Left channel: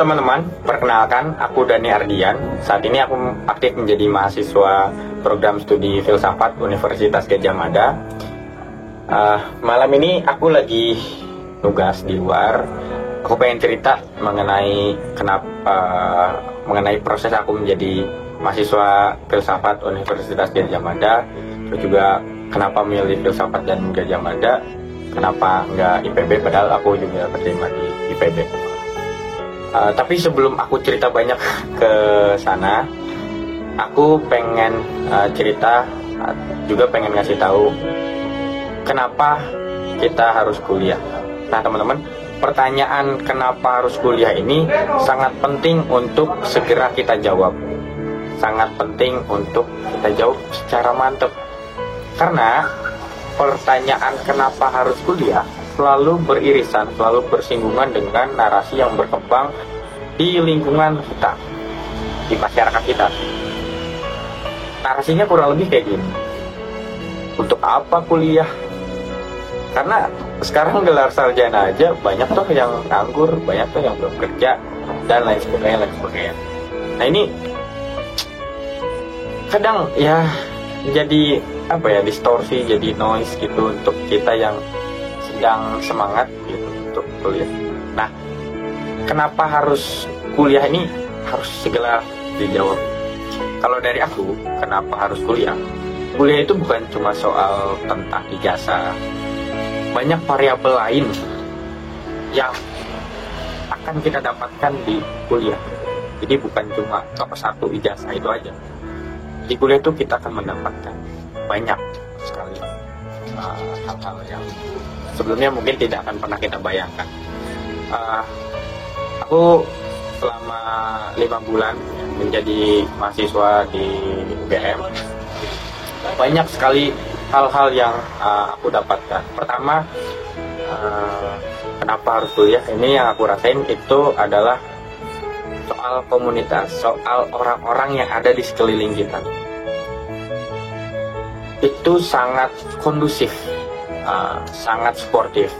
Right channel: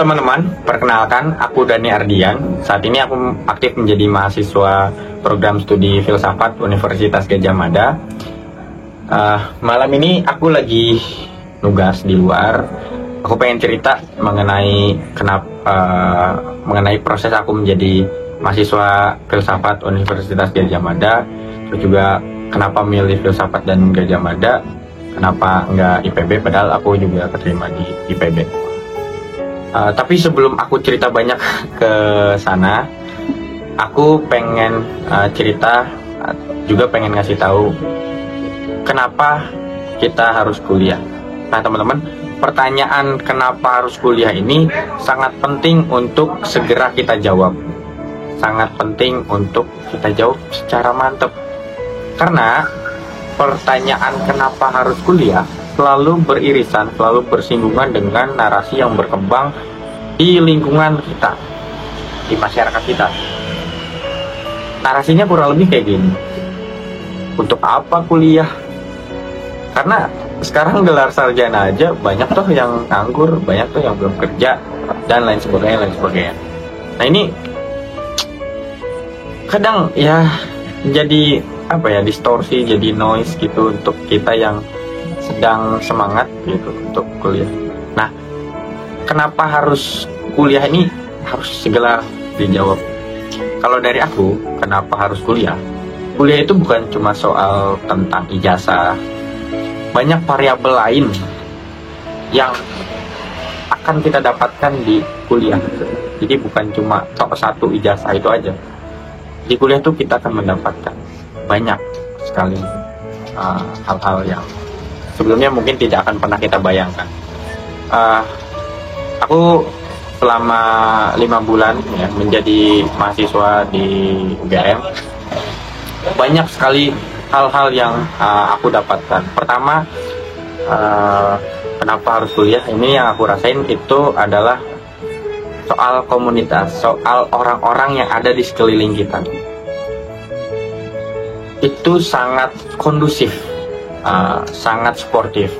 teman-teman, perkenalkan aku Dani Ardian. Saat ini aku aktif menjadi mahasiswa program studi filsafat Universitas Gadjah Mada. Malam ini aku lagi nugas di luar. Aku pengen cerita mengenai mengenai proses aku menjadi mahasiswa filsafat Universitas Gadjah Mada. Terus juga kenapa milih filsafat dan Gadjah Mada, kenapa nggak IPB padahal aku juga keterima di IPB. Tapi sebelum aku cerita banyak ke sana, aku pengen cerita, juga pengen ngasih tahu kenapa kita harus kuliah. Nah teman-teman, pertanyaan kenapa harus kuliah ini sangat penting untuk segera kita jawab. Sangat penting untuk kita jawab secara mantap. Karena pertanyaan kenapa harus kuliah selalu beririsan, selalu bersinggungan dengan narasi yang berkembang di lingkungan kita, di masyarakat kita. Narasinya kurang lebih kayak gini. Untuk apa kuliah? Karena sekarang gelar sarjana aja banyak tuh yang nganggur, banyak tuh yang belum kerja, dan lain sebagainya, lain sebagainya. Nah ini kadang ya jadi distorsi, jadi noise gitu untuk kita yang sedang semangat gitu untuk kuliah. Nah, kenapa harus kuliah ini harus segera dijawab. Kalau dari aku, kenapa harus kuliah? Kuliah itu bukan cuma soal tentang ijazah. Banyak variabel lain yang akan kita dapatkan di kuliah. Jadi bukan cuma satu ijazah itu aja. Di kuliah itu kita akan mendapatkan banyak sekali hal-hal yang sebelumnya mungkin tidak akan pernah kita bayangkan. Aku selama 5 bulan ya, menjadi mahasiswa di UGM, banyak sekali hal-hal yang aku dapatkan. Pertama, kenapa harus kuliah? Ini yang aku rasain itu adalah soal komunitas, soal orang-orang yang ada di sekeliling kita. Itu sangat kondusif, sangat sportif.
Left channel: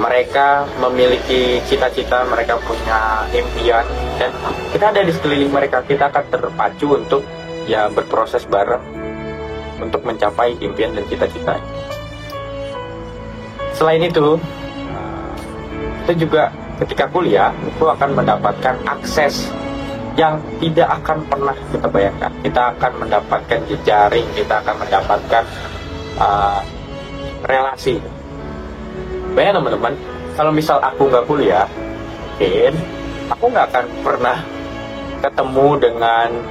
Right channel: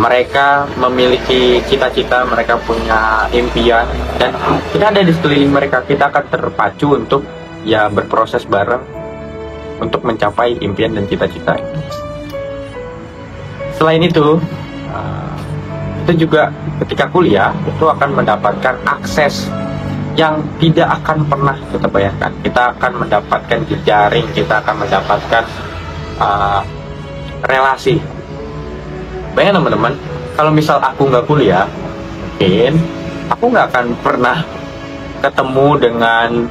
Mereka memiliki cita-cita, mereka punya impian, dan kita ada di sekeliling mereka. Kita akan terpacu untuk berproses bareng untuk mencapai impian dan cita-cita. Selain itu juga ketika kuliah itu akan mendapatkan akses yang tidak akan pernah kita bayangkan. Kita akan mendapatkan jejaring, kita akan mendapatkan relasi. Bayangin teman-teman, kalau misal aku nggak kuliah, mungkin aku nggak akan pernah ketemu dengan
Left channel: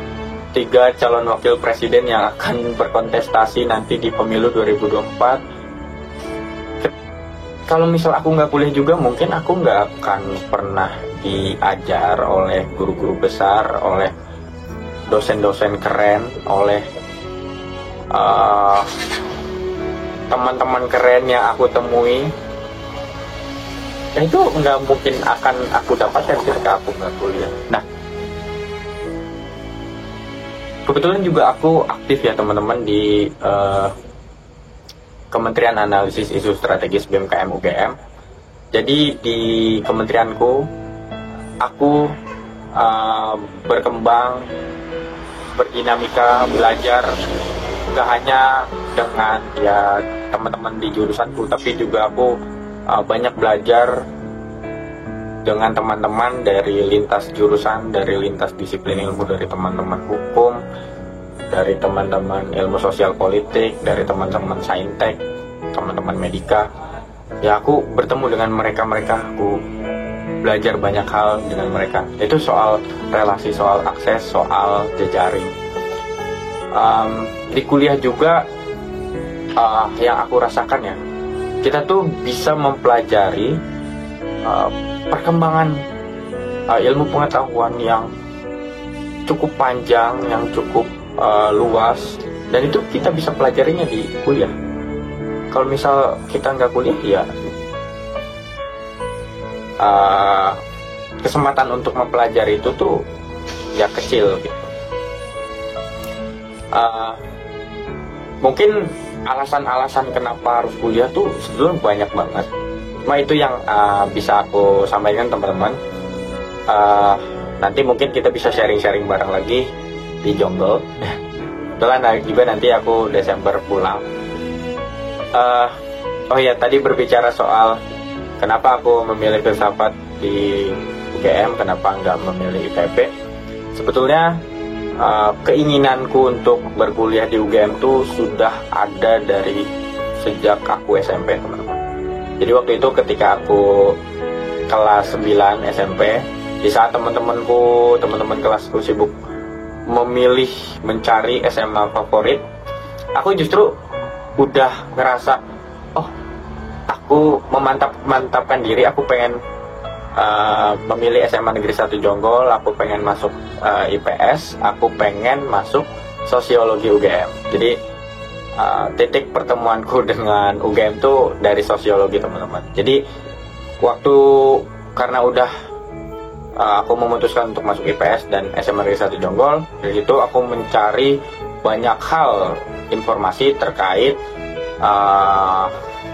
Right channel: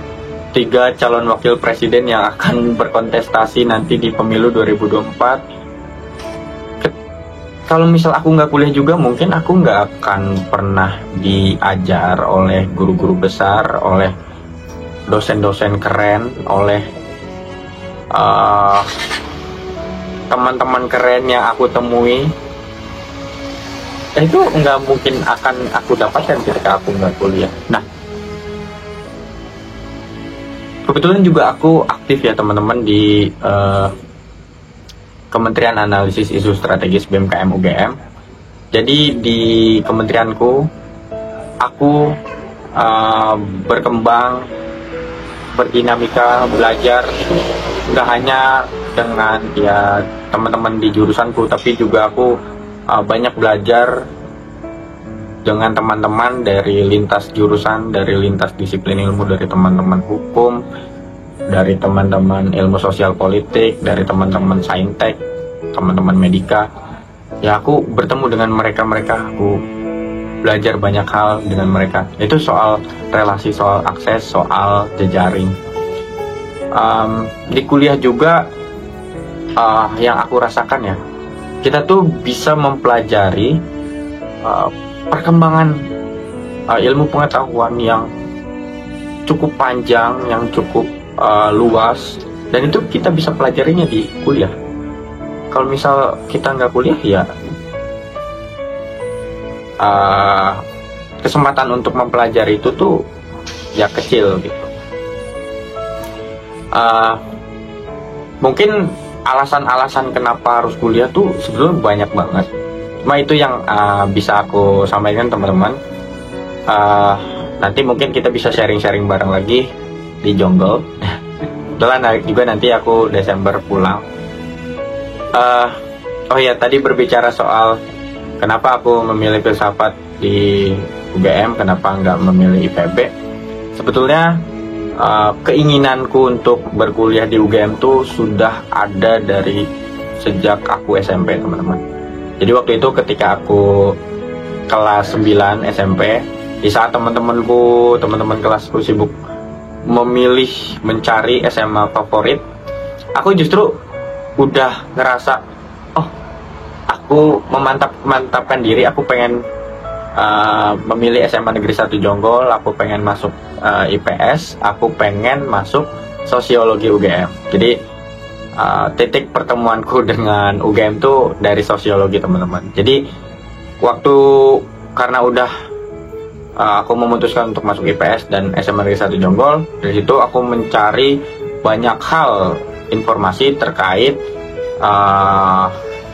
3 calon wakil presiden yang akan berkontestasi nanti di pemilu 2024. Kalau misal aku nggak kuliah juga, mungkin aku nggak akan pernah diajar oleh guru-guru besar, oleh dosen-dosen keren, oleh teman-teman keren yang aku temui. Itu nggak mungkin akan aku dapatkan ketika aku nggak kuliah. Nah, kebetulan juga aku aktif ya teman-teman di Kementerian Analisis Isu Strategis BMKM UGM. Jadi di kementerianku, aku berkembang, berdinamika, belajar, nggak hanya dengan teman-teman di jurusanku, tapi juga aku banyak belajar dengan teman-teman dari lintas jurusan, dari lintas disiplin ilmu, dari teman-teman hukum, dari teman-teman ilmu sosial politik, dari teman-teman saintek, teman-teman medika. Ya aku bertemu dengan mereka-mereka, aku belajar banyak hal dengan mereka. Itu soal relasi, soal akses, soal jejaring. Di kuliah juga yang aku rasakan ya, kita tuh bisa mempelajari perkembangan ilmu pengetahuan yang cukup panjang, yang cukup luas, dan itu kita bisa pelajarinya di kuliah. Kalau misal kita nggak kuliah ya kesempatan untuk mempelajari itu tuh ya kecil gitu. Mungkin alasan-alasan kenapa harus kuliah tuh sebetulnya banyak banget. Cuma itu yang bisa aku sampaikan teman-teman. nanti mungkin kita bisa sharing-sharing bareng lagi di Jonggol. Kebetulan juga nanti aku Desember pulang. Oh ya, tadi berbicara soal kenapa aku memilih filsafat di UGM, kenapa nggak memilih IPB. Sebetulnya keinginanku untuk berkuliah di UGM tuh sudah ada dari sejak aku SMP, teman-teman. Jadi waktu itu ketika aku kelas 9 SMP, di saat teman-teman kelasku sibuk memilih mencari SMA favorit, aku justru udah ngerasa, oh, aku memantapkan diri, aku pengen memilih SMA Negeri 1 Jonggol, aku pengen masuk IPS, aku pengen masuk Sosiologi UGM. Jadi titik pertemuanku dengan UGM tuh dari Sosiologi, teman-teman. Jadi karena udah aku memutuskan untuk masuk IPS dan SMA Negeri 1 Jonggol, dari situ aku mencari banyak hal informasi terkait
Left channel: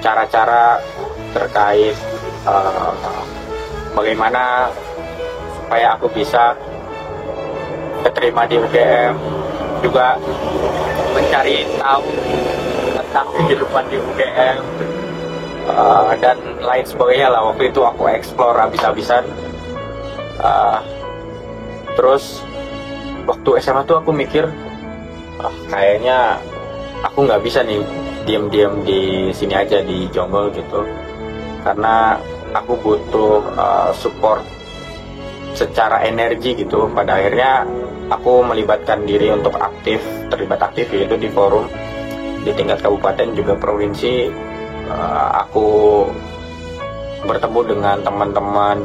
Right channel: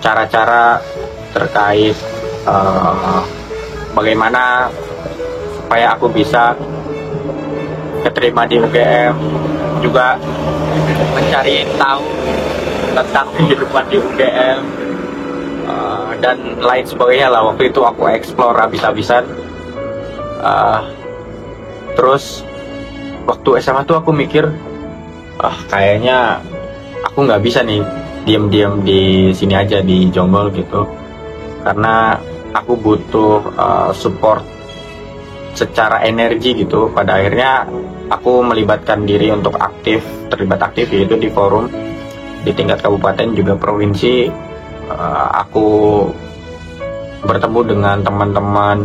cara-cara terkait bagaimana supaya aku bisa keterima di UGM, juga mencari tahu tentang kehidupan di UGM dan lain sebagainya lah. Waktu itu aku explore habis-habisan. Terus waktu SMA tuh aku mikir, kayaknya aku nggak bisa nih diam-diam di sini aja di Jonggol gitu, karena aku butuh support secara energi gitu. Pada akhirnya aku melibatkan diri untuk terlibat aktif yaitu di forum di tingkat kabupaten juga provinsi. Aku bertemu dengan teman-teman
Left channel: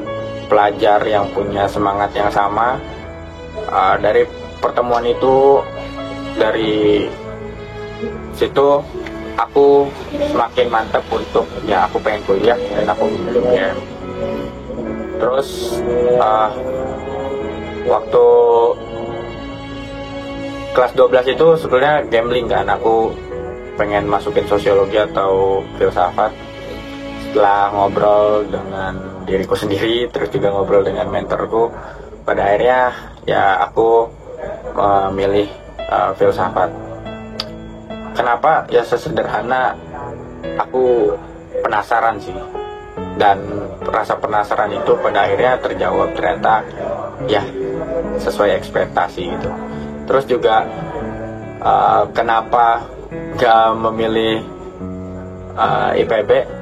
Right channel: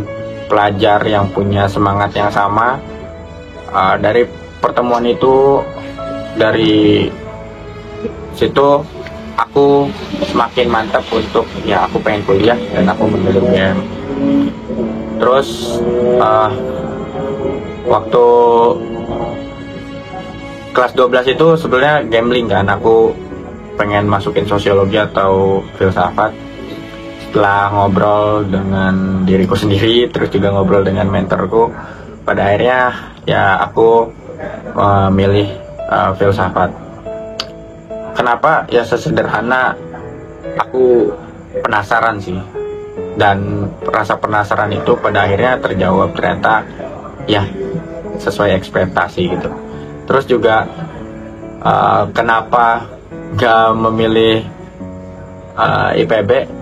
pelajar yang punya semangat yang sama. Dari pertemuan itu, dari situ aku semakin mantap untuk aku pengen kuliah dan aku memilih UGM. Terus waktu kelas 12 itu sebenarnya gambling kan, aku pengen masukin sosiologi atau filsafat. Setelah ngobrol dengan diriku sendiri, terus juga ngobrol dengan mentorku, pada akhirnya aku memilih filsafat. Kenapa? Ya sesederhana, aku penasaran sih, dan rasa penasaran itu pada akhirnya terjawab, ternyata sesuai ekspektasi gitu. Terus juga kenapa gak memilih IPB?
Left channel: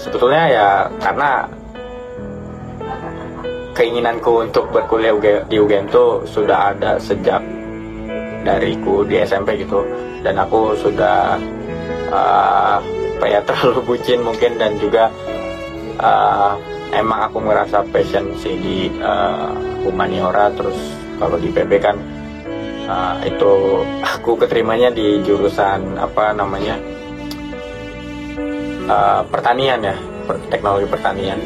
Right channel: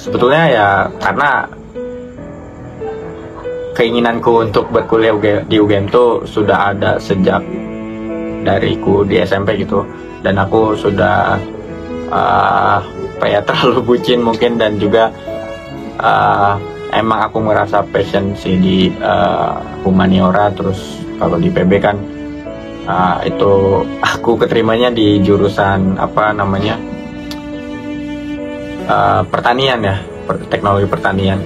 Sebetulnya karena keinginanku untuk berkuliah di UGM itu sudah ada sejak dariku di SMP gitu, dan aku sudah terlalu bucin mungkin, dan juga emang aku merasa passion sih di humaniora. Terus kalau di PB kan itu aku keterimanya di jurusan pertanian teknologi pertanian.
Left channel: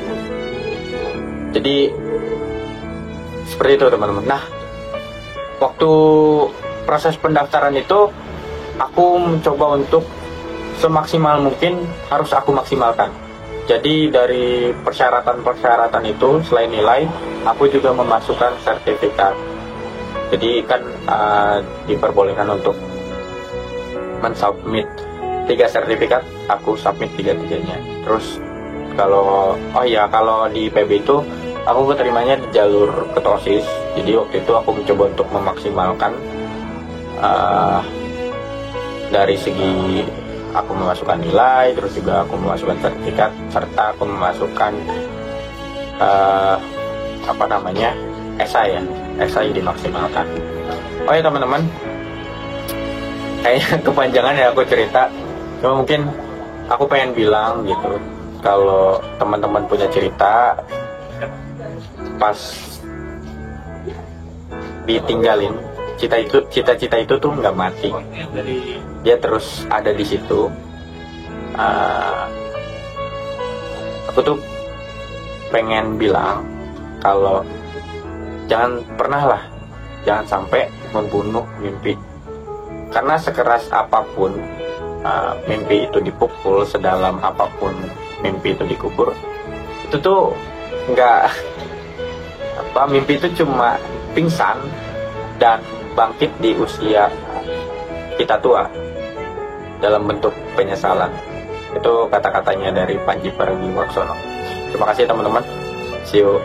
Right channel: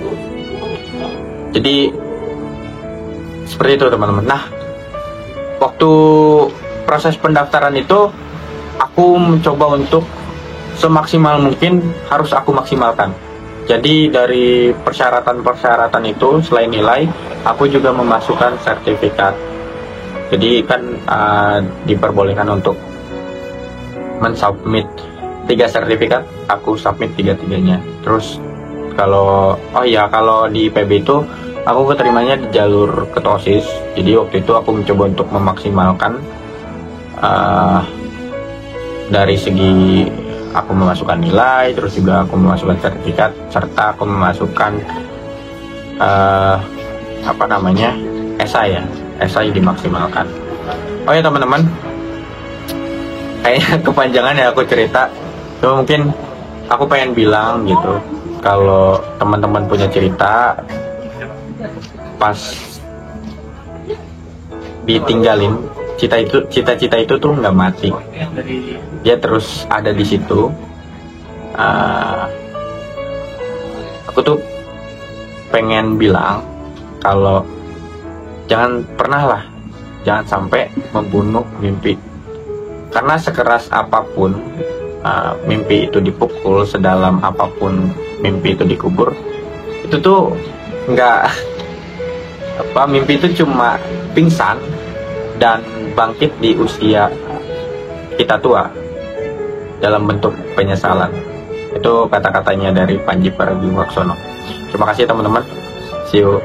Jadi seperti itu, teman-teman. Nah, waktu proses pendaftaran itu aku mencoba untuk semaksimal mungkin harus aku maksimalkan. Jadi dari persyaratan itu, selain nilai, aku juga memasukkan sertifikat. Jadi kan diperbolehkan untuk mensubmit 3 sertifikat, aku submit 3-tiganya. Terus kalau di PB itu aku keterimanya di jalur ketua OSIS. Jadi waktu itu aku mencoba untuk memaksimalkan dari segi aku memasukkan nilai, terus juga aku memasukkan sertifikat, serta aku memasukkan esai dimaksimalkan. Oh ya teman-teman, kayaknya kepanjangan ya aku cerita. Cuma mungkin aku pengen bilang gitu, kalau teman-teman punya cerita pas ditinggalin, cita-cita itu tuh nggak mati, dia terus ada di situ. Aku tuh pengen bilang kalau jangan sampai membunuh mimpi, karena sekeras apapun mimpi itu dipukul, sedalam apapun mimpi itu dikubur, itu tuh nggak apa mimpi itu cuma pingsan dan bangkit di usia kita tua dalam bentuk penyesalan. Itu kata-katanya dari Panji Pragiwaksono. Terima kasih teman-teman. See you.